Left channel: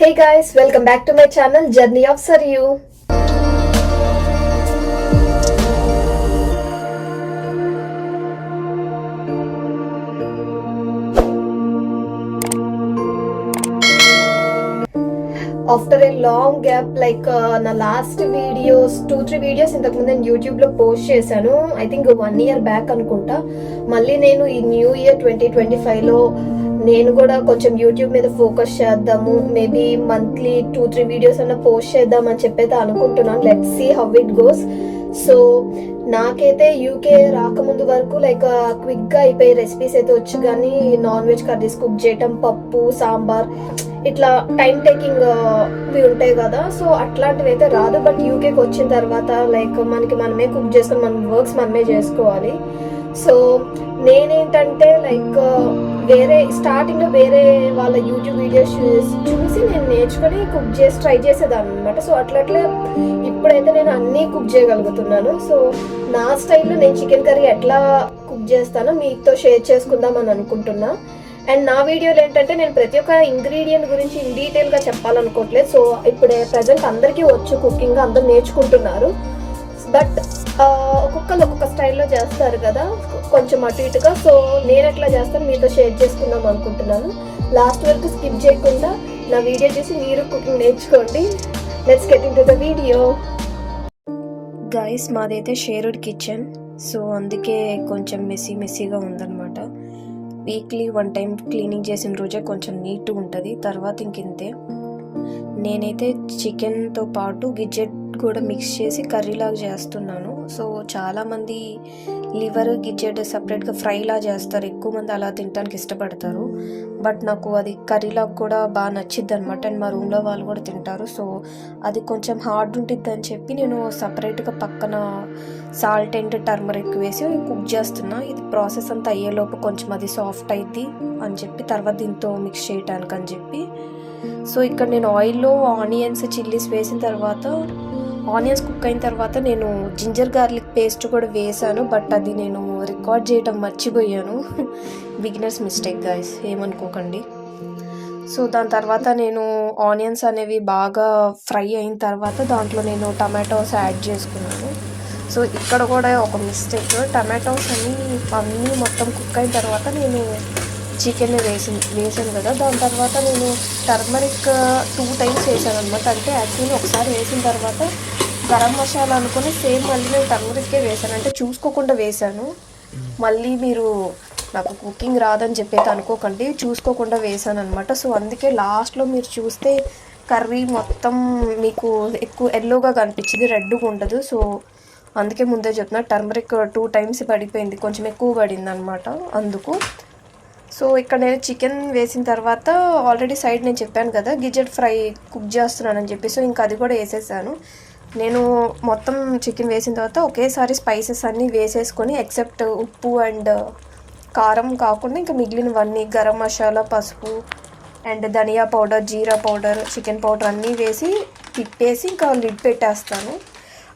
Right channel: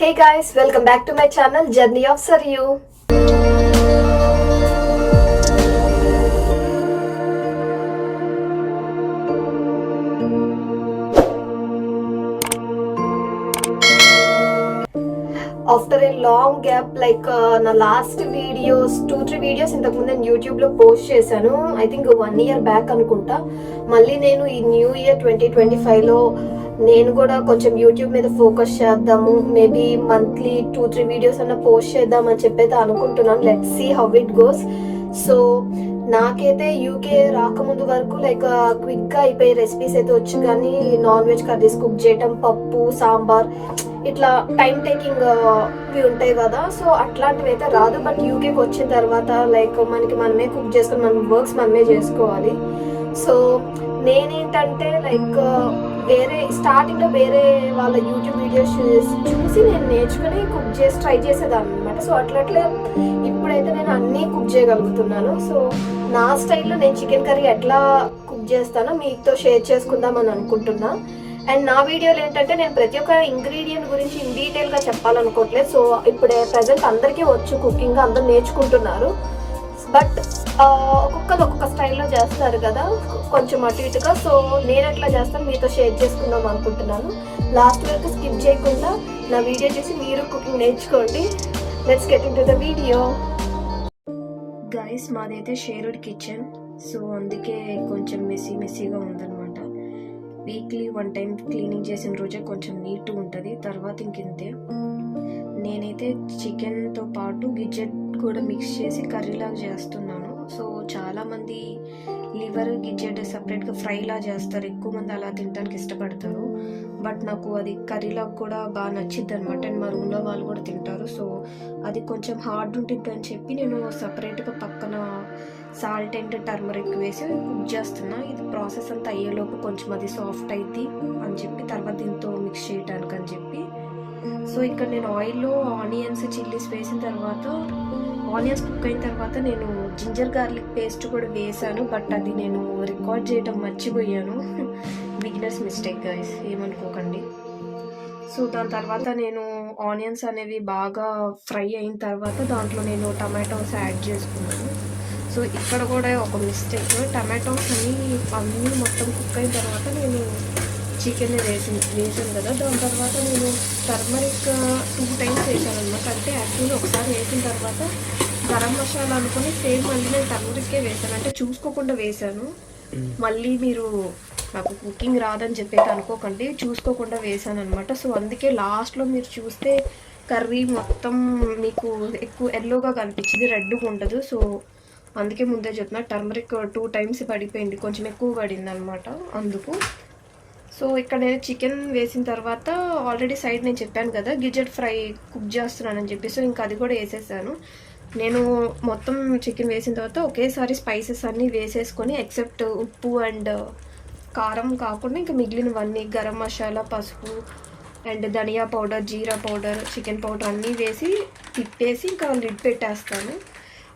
Hey guys, welcome back to my channel Journey of Saryu. After a long gap, na last videos 2-3 videos ఇంతకు ముందు నేను YouTube లో post చేశాను. I think 1 year back అనుకుంటా. మళ్ళీ నేను ఈ న్యూ ఇయర్ 2025 లో నేను కూడా కొంచెం యూట్యూబ్ మీద ఫోకస్ చేద్దాము, మేబీ మంత్లీ 2-3 వీడియోస్ అన్న పోస్ట్ చేద్దాం అని చెప్పైతే అనుకుంటున్నాను. Let's see how it goes. So నాకైతే యూకే రాకముందు వరకు క్విక్ గా అయిపోయి రెసిపీస్ అయితే వచ్చు, కానీ నాన్ వెజ్ కర్రీస్ కుక్ చేయటం, పప్పు సాంబార్ ఇట్లా టైం టేకింగ్ ఇవి ఉంటాయి కదా, సో అట్లాంటివి అయితే రాదు. బట్ యూకేకి వచ్చిన తర్వాత మనమే కుక్ చేసుకొని మన వర్క్స్ మనమే చేసుకోవాలి. సో నేనేంటంటే వేరే స్టార్టింగ్ లో వేరే వాళ్ళ యూట్యూబ్ వీడియోస్ చూసి నేను నేర్చుకుని కుక్ చేసి ట్రై చేసేదాన్ని అనమాట. సో అట్లా ఇప్పుడైతే నేను అన్నీ కుక్ చేయగలుగుతున్నాను. సో నా స్టైల్లో నేను చికెన్ కర్రీ ఎట్లా కుక్ చేస్తానో మీతో షేర్ చేసుకుందాం అని అనుకుంటున్నా. అండ్ నా వీడియోలో ఏంటంటే నేను ప్రతి ఒక్క ఇంగ్రీడియంట్ గురించి ఇన్ డీటెయిల్ గా చెప్పాలనుకోవట్లేదు. సో ఇప్పుడు ప్రజెంట్ అందరికీ వచ్చు కుకింగ్, అందరూ నేర్చుకుంటున్నారు. బట్ ఒక్కొక్క స్టైల్లో చేస్తారు కదా, కొంచెం అటు ఇటుగా. సో నేను ఎట్లా చేస్తాను మీతో షేర్ చేసుకుందాం అనుకుంటున్నాను. లాస్ట్ వరకు స్కిప్ చేయకుండా నా వీడియో చూసి మీరు కుకింగ్ నేర్చుకోండి. Let's get into the video. Guys, మాదైతే షేర్డ్ కిచెన్, సో అందుకే కొంచెం మెస్సీగా ఉందన్నమాట. వీక్లీ 1 time క్లీనింగ్ చేసిన రోజే కొంచెం నీట్గా ఉంటుంది, తర్వాత ఇంకింతే. నేనైతే చికెన్తో పాటు గిజ్జెట్ కూడా మిక్స్ చేసి కర్రీలాగా చేస్తున్నాను. సో చాలామంది లివర్ గిజ్జెట్ సపరేట్గా ఫ్రైలా చేస్తారు, ఎక్కువ మంది అలా తినడానికి ఇష్టపడతారు. బట్ నాకు అది కర్రీలాగా కూడా బాగా నచ్చిద్ది అనమాట. అండ్ మా రూమ్లో వాళ్ళు కూడా తింటారు. సో అది కొంచెం హార్డ్ ఉంటుంది అని చెప్పి నేను సపరేట్గా పక్కన సాల్ట్ అండ్ టర్మరిక్ వేసి కుక్ చేస్తున్నా. ఇది ప్రాసెస్ అంతా అయ్యేలోపు కొంచెం అది సాఫ్ట్ అయింది అని చెప్పి తర్వాత దీంతో మిక్స్ చేయడానికి అని చెప్పి. సో ఇక్కడ నేను ఆయిల్లో ఆనియన్స్ చిల్లీస్ వేసిన తర్వాత, ఆనియన్స్ కుక్ అయిన తర్వాత నేను జింజర్ గార్లిక్ పేస్ట్ కూడా వేసాను. బట్ అది నేను రికార్డ్ చేయడం మర్చిపోయాను. బిగినర్స్ మిస్టేక్ గైస్, ఏమనుకోకండి. సో దాని తర్వాత నేను ఆనియన్స్ అనేవి బాగా ఫ్రై అయిన తర్వాత దాంట్లో నేను టమాటోస్ యాడ్ చేసుకున్నాను. సో ఇక్కడ కూడా ఒక మిస్టేక్, టమాటోస్ అన్నీ మొత్తం కుక్ అయిన తర్వాత నేను చికెన్ వేసాను కదా, దాని తర్వాత నేను టర్మరిక్ 2 times వేసాను అనమాట. అంటే యాక్చువల్లీ ఒకసారి వేసిన తర్వాత గరం మసాలా అనుకుని సేమ్ మళ్ళీ నేను టర్మరిక్కే వేసాను, అంటే చూసుకోకుండా వేసాను. మళ్ళీ మీరు నాకు కుకింగ్ రాదని చెప్పేది అనుకోకండి, చూసుకోకుండా వేసాను అనమాట. సో అందుకే లాస్ట్లో మీరు చూస్తే కర్రీ మొత్తం మీకు ఎక్కువ ఎల్లోగా కనిపించింది, రెడ్గా ఉండదు. సో అందుకే ముందే చెప్తున్నా, టర్మరిక్ 2 times పడిపోయింది, కొంచెం ఎక్కువ పడింది అనమాట అందుకు. సో ఇక్కడ నేను చికెన్ వేసిన తర్వాత ఆల్రెడీ సైడ్ నేను చెప్పాను కదా గిజెట్ ఫ్రై కుక్ చేస్తున్నానని చెప్పి. సో ఇంకా అది కూడా వేసేసాను. నేను మొత్తం చికెన్ వేసిన తర్వాత ఒకేసారి స్పైసెస్ అన్నీ వేసేసుకొని, ఎక్సెప్ట్ ఉప్పు అండ్ కారం కాకుండా ఇంకా మిగిలినవన్నీ గరం మసాలా, పసుపు అండ్ ధనియా పౌడర్, జీరా పౌడర్, చికెన్ పౌడర్ అన్నీ వేసి తిప్పేసి ఇంకా లిడ్ పెట్టేస్తాను.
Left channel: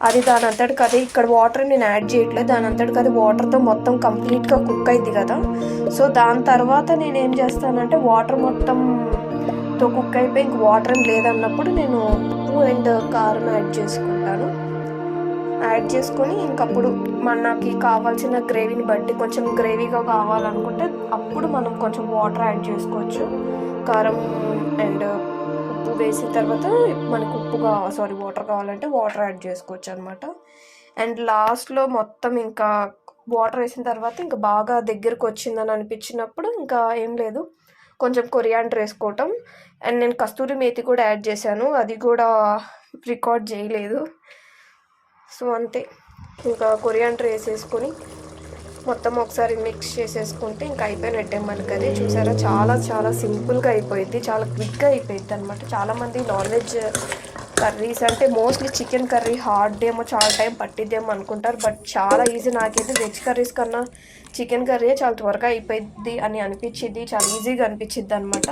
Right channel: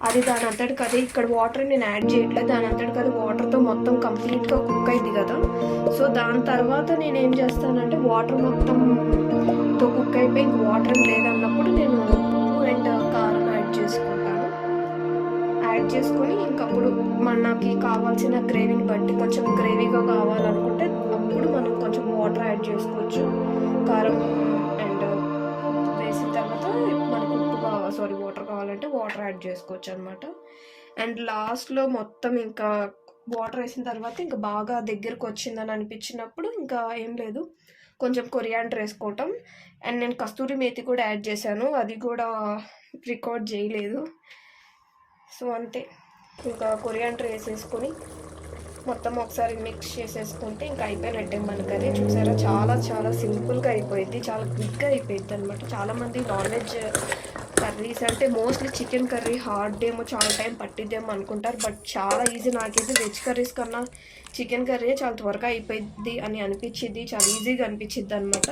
అది దాని అంతటికి అదే, ఇక్కడ వాటర్ నేను యాడ్ చేయట్లేదు, దాని అంతటికి అది వాటర్తో మొత్తం కంప్లీట్గా కుక్ అయింది కదా. సో దాని తర్వాత నేను ఏం చేస్తానంటే వాటర్ మొత్తంతో కుక్ అయిపోయి ఇంక వాటర్ ఏం లేదన్నప్పుడు నేను ఉప్పు అండ్ కారం యాడ్ చేసుకుంటాను. యాడ్ చేసుకొని ఇంకప్పుడు మనకి కావాల్సిన గ్రేవీని బట్టి, కొంచెం గ్రేవీగా కావాలనుకుంటే అప్పుడు మనం కొంచెం వాటర్ యాడ్ చేసుకోవచ్చు. కారం అండ్ ఉప్పు వేసిన తర్వాత మనకు వాటర్ కావాలంటే వాటర్ యాడ్ చేసుకోవచ్చు అనమాట. అండ్ లాస్ట్లో మొత్తం ఇంకా వాటర్ వేసిన తర్వాత ఇంకా బాగా దగ్గరకు వచ్చిందని అనిపించినప్పుడు ఇంకా ఏం లేదు, కొంచెం కొరియాండర్ వేసుకోవటం. అండ్ నేను కస్తూరి మేతి కూడా యాడ్ చేశాను, అది కూడా రికార్డ్ చేయలేదు. సో అంతే, ఇంకా కొరియాండర్ వేసేసుకొని మొత్తం ఒకసారి మిక్స్ చేసేసుకుంటే ఇంకా అయిపోయినట్టే మనకి. అది చూసారా, చాలా చాలా సింపుల్గా అయిపోయింది, చాలా క్విక్గా అయిపోయింది అనమాట. చాలామంది నాన్ వెజ్ కర్రీస్ అంటే మోస్ట్లీ చికెన్ కర్రీ హార్డ్ ఏమో, చాలా టైం పట్టిద్దేమో అనుకుంటారు. బట్ చాలా ఈజీ. నాకైతే వెజ్ కర్రీస్ కన్నా చికెన్ కర్రీ చాలా త్వరగా అయిపోయింది అని అనిపించింది, చాలా ఈజీగా అనిపించింది అనమాట.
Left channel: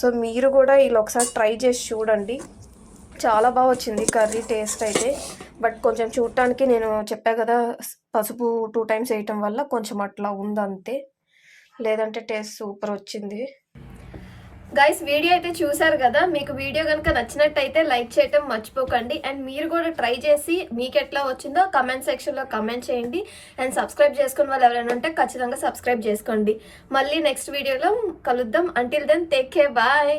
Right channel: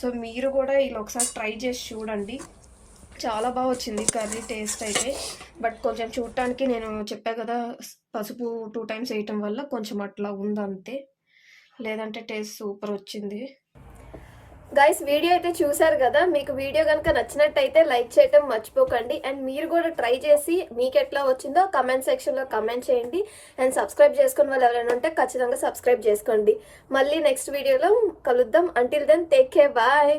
సో మీరు కూడా ఇలా ఒకసారి ట్రై చేసి చూడండి, చాలా బాగా వచ్చింది కర్రీ టేస్ట్ అయితే. బట్ కొంచెం చూడటానికి నేను చెప్పా కదా పసుపు 2 times వేయటం వల్ల కొంచెం అట్లా ఉందంతే, లేదంటే టేస్ట్ సూపర్ వచ్చింది. గైస్ వీడియో అయితే చూసారు కదా, మీకు వీడియో కనుక నచ్చినట్టయితే లైక్ చేయటం మర్చిపోకండి. అండ్ మీరు కూడా ట్రై చేసి మీకు ఎట్లా వచ్చిందో కమెంట్ సెక్షన్లో కమెంట్ చేయండి. అండ్ సబ్స్క్రైబ్ చేసుకున్న వాళ్ళు ఎవరైనా ఉంటే ఖచ్చితంగా సబ్స్క్రైబ్ చేసుకోండి. మళ్ళీ నెక్స్ట్ వీడియోలో కలుద్దాం. Until then take care, bye.